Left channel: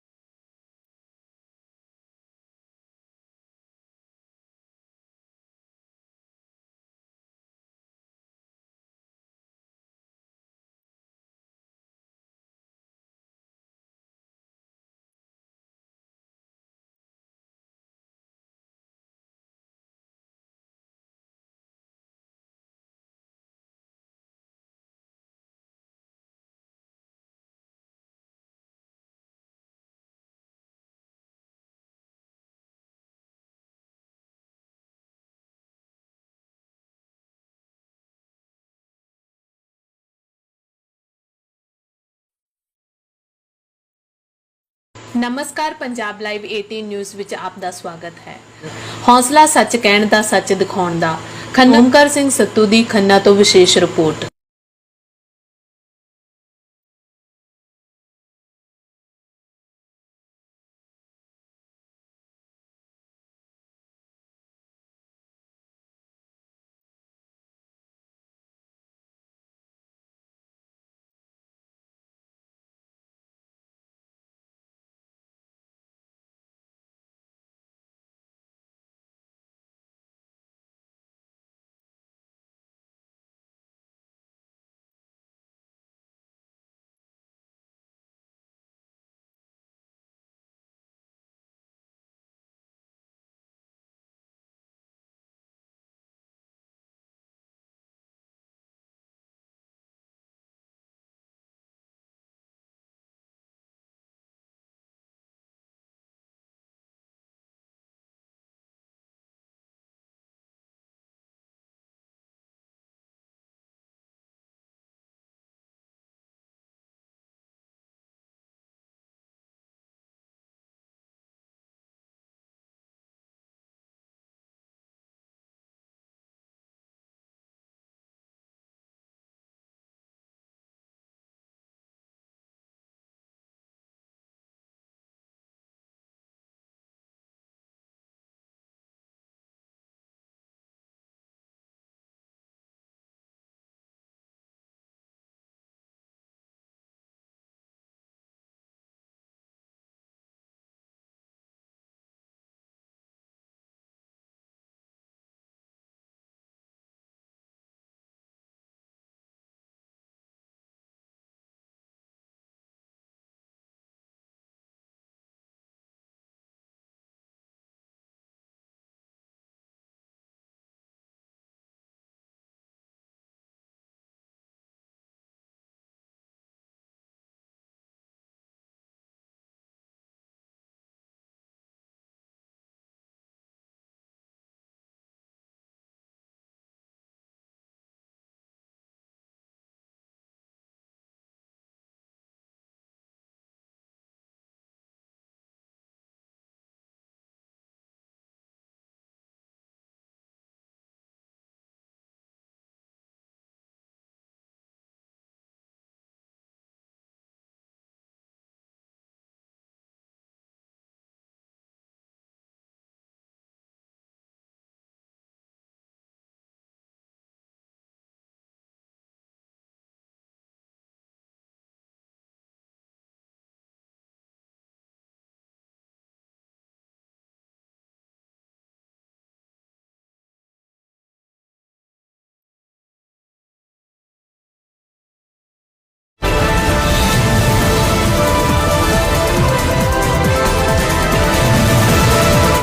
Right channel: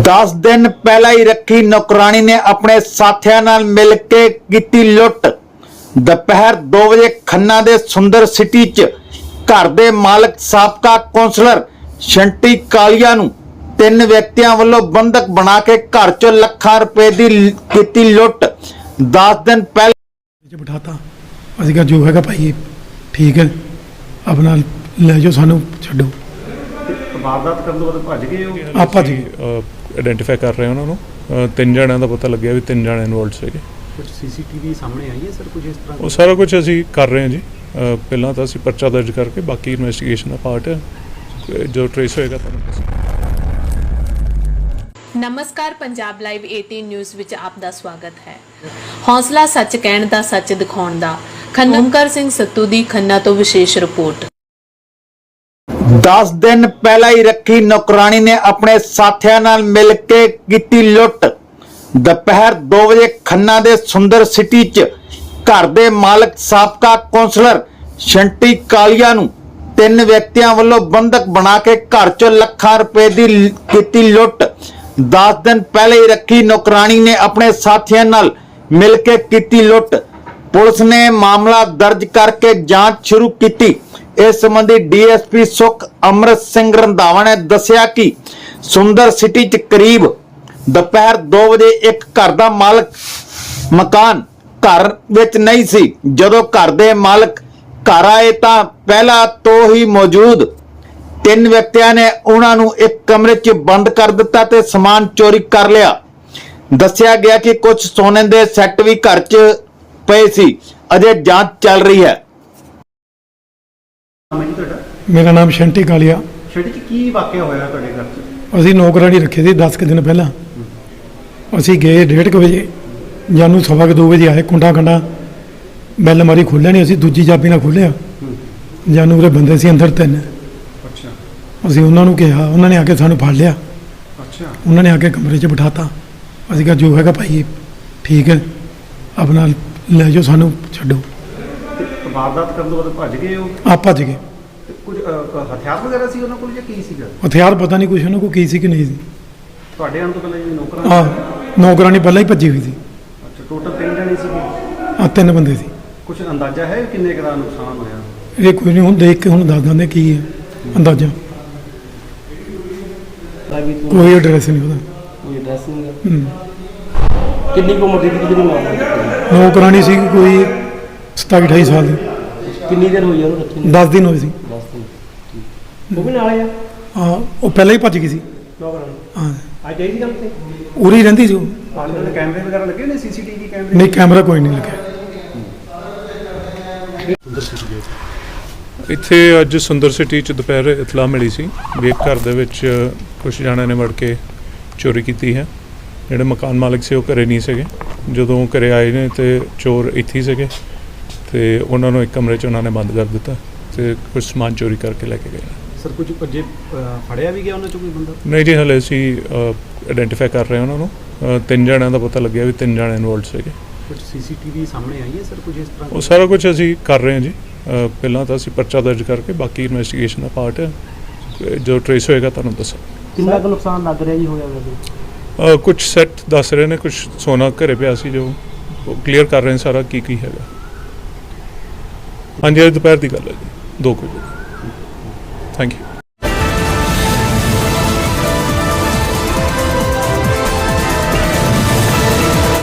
10 ਦਿਨ ਪਹਿਲਾਂ ਹੀ ਰੱਖੀ ਨੌਕਰਾਨੀ ਨੇ ਆਪਣੇ ਸਾਥੀਆਂ ਨਾਲ ਮਿਲ ਕੇ ਕੀਤੀ ਲੁੱਟ। ਦੁਪਹਿਰ 2 ਵਜੇ ਖੰਨਾ ਦੇ ਸੁੰਦਰ ਸਿਟੀ 'ਚ ਘਰ ਦੇ ਮਾਲਕ ਸਾਬਕਾ ਕੌਂਸਲਰ ਸ਼ੰਟੀ ਕਾਲੀਆ ਨੂੰ ਤਿੰਨ ਵਿਅਕਤੀਆਂ ਵੱਲੋਂ ਬੰਦਕ ਬਣਾ ਕੇ ਘਰ 'ਚੋਂ ਲੱਖਾਂ ਰੁਪਏ ਦੀ ਕੀਤੀ ਲੁੱਟ। 10 ਦਿਨ ਪਹਿਲਾਂ ਚ ਬਿਠਾਤਾ। ਅਸੀਂ ਕਿਹਾ ਜੋ ਹੈਗਾ ਭਾਈ ਠੀਕ ਹੈ। ਆਪਣਾ ਲੈ ਜਾਓ ਸਾਨੂੰ ਛੱਡੋ। ਵਾਰਦਾਤ ਕਰਨ ਤੋਂ ਬਾਅਦ ਭੱਜ ਗਏ ਹੋ? ਆ ਭੱਜ ਗਏ। ਆਇਡੈਂਟੀਫਾਈ ਕਰ ਰਹੇ ਹਾਂ ਉਹਨਾਂ ਨੂੰ। ਤਿੰਨ ਜਣਿਆਂ ਦਾ ਪਤਾ ਲੱਗਿਆ ਵੀ ਤਿੰਨ ਜਣੇ ਇਨਵੋਲਡ ਸੀਗੇ। ਕੁਝ ਸੀਸੀਟੀਵੀ ਸਾਹਮਣੇ ਆਈ ਹੈ ਸਰ ਕੁਝ ਇਸ ਤਰ੍ਹਾਂ ਉਹ ਸਾਰਾ ਕੁਝ ਅਸੀਂ ਕਰ ਰਹੇ ਹਾਂ ਜੀ। ਪਹਿਲਾਂ ਤਾਂ ਅਸੀਂ ਪਰਚਾ ਦਰਜ ਕਰਕੇ ਬਾਕੀ ਇਨਵੈਸਟੀਗੇਸ਼ਨ ਦਾ ਪਾਰਟ ਜੋ ਟ੍ਰੇਸ ਹੋਏਗਾ ਤੁਹਾਨੂੰ ਨਮਸਕਾਰ ਪੰਜਾਬ ਲਾਈਵ 18 ਨਿਊਜ਼ ਵਿੱਚ ਆਪ ਦਾ ਸਵਾਗਤ ਹੈ। ਹੌਸਲਾ ਸੱਚ ਕਹਿਣ ਦਾ ਸੱਚ ਦਿਖਾਉਣ ਦਾ। ਖੰਨਮਕਰ ਸਿੰਘ ਸੱਤੂ ਦੀ ਖੰਨਾ ਤੋਂ ਵਿਸ਼ੇਸ਼ ਰਿਪੋਰਟ। 10 ਦਿਨ ਪਹਿਲਾਂ ਹੀ ਰੱਖੀ ਨੌਕਰਾਨੀ ਨੇ ਆਪਣੇ ਸਾਥੀਆਂ ਨਾਲ ਮਿਲ ਕੇ ਕੀਤੀ ਲੁੱਟ। ਦੁਪਹਿਰ 2 ਵਜੇ ਖੰਨਾ ਦੇ ਸੁੰਦਰ ਸਿਟੀ 'ਚ ਘਰ ਦੇ ਮਾਲਕ, ਸਾਬਕਾ ਕੌਂਸਲਰ ਸ਼ੰਟੀ ਕਾਲੀਆ ਨੂੰ ਤਿੰਨ ਵਿਅਕਤੀਆਂ ਵੱਲੋਂ ਬੰਦਕ ਬਣਾ ਕੇ ਘਰ 'ਚੋਂ ਲੱਖਾਂ ਰੁਪਏ ਦੀ ਕੀਤੀ ਲੁੱਟ। 10 ਦਿਨ ਪਹਿਲਾਂ ਹੀ ਰੱਖੀ ਨੌਕਰਾਨੀ ਨੇ ਆਪਣੇ ਸਾਥੀਆਂ ਨਾਲ ਮਿਲ ਕੇ ਕੀਤੀ ਲੁੱਟ। ਪੁਲਿਸ ਨੇ ਮਾਮਲਾ ਦਰਜ ਕਰਕੇ ਜਾਂਚ ਸ਼ੁਰੂ ਕੀਤੀ। ਇਸ ਸੰਬੰਧੀ ਡੀਐਸਪੀ ਸੁਖ ਅਮਰਤ ਸਿੰਘ ਰੰਧਾਵਾ ਨੇ ਦੱਸਿਆ ਕਿ ਸੁੰਦਰ ਸਿਟੀ 'ਚ ਕਰੀਬ ਦੁਪਹਿਰ 2 ਵਜੇ ਇੱਕ ਘਰ ਦਾ ਮਾਲਕ ਮਕਾਨ ਘਰ ਵਿੱਚ ਨਹੀਂ ਸੀ। ਜਦੋਂ ਘਰ ਦੇ ਮਾਲਕ ਘਰ ਆਏ ਤਾਂ ਪਹਿਲਾਂ ਤੋਂ ਹੀ ਮੌਜੂਦ ਤਿੰਨ ਵਿਅਕਤੀਆਂ ਨੇ ਉਹਨਾਂ ਨੂੰ ਇੱਕ ਕਮਰੇ 'ਚ ਬੰਦ ਕਰ ਦਿੱਤਾ ਤੇ ਸਮਾਨ ਚੋਰੀ ਕਰ ਲਿਆ। ਦੱਸਿਆ ਗਿਆ ਕਿ ਕੁਝ ਸੋਨੇ ਦੇ ਸੈੱਟ ਵੀ ਘਰ 'ਚ ਪਏ ਸੀ। ਅਜੇ ਜਾਂਚ ਚੱਲ ਰਹੀ ਹੈ। ਨਾਮ ਹੈ ਜੀ ਤੁਹਾਡਾ? ਮੇਰਾ ਨਾਮ ਸ਼ੰਟੀ ਕਾਲੀਆ। ਸ਼ੈਡੀ ਜੀ ਕੀ ਵਾਕਿਆ ਹੋਇਆ ਤੁਹਾਡੇ ਘਰ 'ਚ? ਅਸੀਂ ਨੌਕਰਾਨੀ ਰੱਖੇ ਸੀ 10 ਕੁ ਦਿਨ ਪਹਿਲਾਂ। ਅਸੀਂ ਗਏ 1:30 ਵਜੇ। ਜਾਨੂੰ ਸਵਾ ਕੁ ਦੋ ਵਜੇ ਆਏ ਕੁੰਡਾ ਕੰਡਾ। ਬੈਲ ਮਾਰੀ ਖੋਲ੍ਹਿਆ ਨਹੀਂ ਅਸੀਂ ਦੂਜੀ ਚਾਬੀ ਨਾਲ ਖੋਲ੍ਹਿਆ। ਜਾਨੂੰ ਉਹਦੇ ਬੰਦੇ ਸੀ ਅੰਦਰ ਤਿੰਨ। ਅੱਛਾ। ਅਸੀਂ ਉਹਨਾਂ ਨੂੰ ਕਿਹਾ ਉਹਨਾਂ ਨੇ ਆ ਕੇ ਸਾਨੂੰ ਫੜ ਲਿਆ। ਅੱਛਾ। ਉਹਨਾਂ ਨੇ ਆ ਕੇ ਕਮਰੇ 'ਚ ਬਿਠਾਤਾ ਅਸੀਂ ਕਿਹਾ ਜੋ ਹੈਗਾ ਭਾਈ ਠੀਕ ਹੈ। ਆਪਣਾ ਲੈ ਜਾਓ ਸਾਨੂੰ ਛੱਡੋ। ਤੇ ਵਾਰਦਾਤ ਕਰਨ ਤੋਂ ਬਾਅਦ ਭੱਜ ਗਏ ਹੋ ਆ ਭੱਜ ਗਏ। ਤੇ ਕੁਝ ਹਥਿਆਰ ਵਗੈਰਾ ਸੀ ਉਹਨਾਂ ਕੋਲ ਜਾਂ ਕੀ ਸੀਗਾ? ਹਥਿਆਰ ਪਤਾ ਨਹੀਂ ਕੁਛ ਉਹਨਾਂ ਕੋਲ ਕੀ ਸੀ ਕਿ ਨਹੀਂ ਸੀ। ਤੁਹਾਡੇ ਆਉਣ ਤੋਂ ਪਹਿਲਾਂ ਜੀ ਨੌਕਰਾਂ ਆ ਨੌਕਰਾਨੀ ਪਹਿਲਾਂ ਹੀ ਭੱਜੀ ਹੋਈ ਸੀ। ਅੱਛਾ ਟੋਟਲ ਤਿੰਨ ਜਣੇ ਸੀਗੇ? ਆ ਤਿੰਨ ਬੰਦੇ ਸੀ। ਕੁਝ ਅੰਦਾਜ਼ਾ ਹੈ ਕਿੰਨੇ ਕੁ ਦਾ ਨੁਕਸਾਨ ਹੋਇਆ? ਇਹ ਕੋਈ ਨਹੀਂ ਹੁਣ ਦੇਖ ਕੇ ਹੁਣ ਦੱਸ ਦਿੰਦੇ ਕੀ ਹੈ ਅੰਦਾਜ਼ਾ। ਕੋਈ ਐਡਰੈਸ ਨਹੀਂ ਉਹਦਾ। ਕੋਈ ਐਡਰੈਸ ਨਹੀਂ ਹੂੰ। ਕਿੰਨੀ ਕੁ ਉਮਰ ਦੀ ਸੀ ਜਿਹੜੀ ਮਾਮਲਾ ਚੱਕਿਆ? ਨੌਕਰਾਨੀ ਸੀ ਕੋਈ 27 28 ਸਾਲ ਦੀ। ਕਿੰਨੀ ਦੇਰ ਹੋਈ ਆ ਉਹਨੂੰ ਰੱਖੀ ਨੂੰ? 10 ਦਿਨ ਹੋਏ ਸੀ। 10 ਦਿਨ ਠੀਕ। ਉਹ ਵੀ ਨਾਲ ਆ? ਆ ਉਹ ਪਹਿਲਾਂ ਹੀ ਭੱਜ ਗਈ ਸੀ। ਨੌਕਰਾਂ ਹਾਂ। ਅੱਜ ਆਈ ਸੀ ਗੱਲ ਤੇ? ਉਰੀ ਹੀ ਰਹਿੰਦੀ ਸੀ ਉਹ। ਕੈਮਰੇ ਵਗੈਰਾ ਲੱਗੇ ਨੇ ਸੀਸੀਟੀਵੀ ਕੈਮਰੇ? ਨਹੀਂ ਕੈਮਰਾ ਕੋਈ ਨਹੀਂ ਲੱਗਿਆ। ਇੱਥੇ ਅੱਜ ਸੁੰਦਰ ਸਿਟੀ ਚ ਦੁਪਹਿਰ ਇਤਲਾਹ ਮਿਲੀ ਸੀ ਵੀ ਇੱਕ ਘਰ ਦੇ ਵਿੱਚ ਕੁਝ ਜਣਿਆਂ ਨੇ ਵੜ ਕੇ ਚੋਰੀ ਕੀਤੀ ਹੈ। ਜਿਹੜੇ ਮਕਾਨ ਮਾਲਕ ਸੀ ਉਹ ਘਰੇ ਨਹੀਂ ਸੀਗੇ। ਜਦੋਂ ਘਰੇ ਆਏ ਨੇ ਤੇ ਚੋਰ ਇੱਥੇ ਹੀ ਸੀਗੇ ਤੇ ਉਹਨਾਂ ਨੂੰ ਇੱਕ ਕਮਰੇ 'ਚ ਉਹਨਾਂ ਨੇ ਬੰਦ ਕਰ ਦਿੱਤਾ ਤੇ ਕੁਝ ਸਮਾਨ ਚੋਰੀ ਕਰਕੇ ਲੈ ਕੇ ਗਏ। ਸਰ ਕੁਝ ਭੱਜੇ ਅਹ, ਫੜਿਆ ਵੀ ਗਿਆ ਉਹਨਾਂ ਚੋਂ ਕੋਈ ਬੰਦਾ? ਨਹੀਂ ਜੀ ਹਲੇ ਅਸੀਂ ਆਇਡੈਂਟੀਫਾਈ ਕਰ ਰਹੇ ਹਾਂ ਉਹਨਾਂ ਨੂੰ। ਤਿੰਨ ਜਣਿਆਂ ਦਾ ਪਤਾ ਲੱਗਿਆ ਵੀ ਤਿੰਨ ਜਣੇ ਇਨਵੋਲਡ ਸੀਗੇ। ਕੁਝ ਸੀਸੀਟੀਵੀ ਸਾਹਮਣੇ ਆਈ ਹੈ ਸਰ ਕੁਝ ਇਸ ਤਰ੍ਹਾਂ ਉਹ ਸਾਰਾ ਕੁਝ ਅਸੀਂ ਕਰ ਰਹੇ ਹਾਂ ਜੀ। ਪਹਿਲਾਂ ਤਾਂ ਅਸੀਂ ਪਰਚਾ ਦਰਜ ਕਰਕੇ ਬਾਕੀ ਇਨਵੈਸਟੀਗੇਸ਼ਨ ਦਾ ਪਾਰਟ ਜੋ ਟ੍ਰੇਸ ਹੋਏਗਾ ਤੁਹਾਨੂੰ ਦੱਸਾਂਗੇ। ਕਿੰਨਾ ਕੁ ਨੁਕਸਾਨ ਲੱਗ ਰਿਹਾ ਜੀ ਹੋਇਆ ਵੈਸੇ? ਕੁਝ ਸੈੱਟ ਦੱਸ ਰਹੇ ਨੇ ਕੁਝ ਸੋਨਾ ਘਰੇ ਪਿਆ ਸੀ ਜੋ ਕਲੀਅਰ ਕਰ ਰਹੇ ਨੇ ਸਾਰਾ ਕੀ ਕੀ ਹੈਗਾ। ਹਾਂਜੀ, ਅੱਜ ਦੁਪਹਿਰ ਦੀ ਗੱਲ ਹੈ ਜੀ 2 ਵਜੇ। Thank you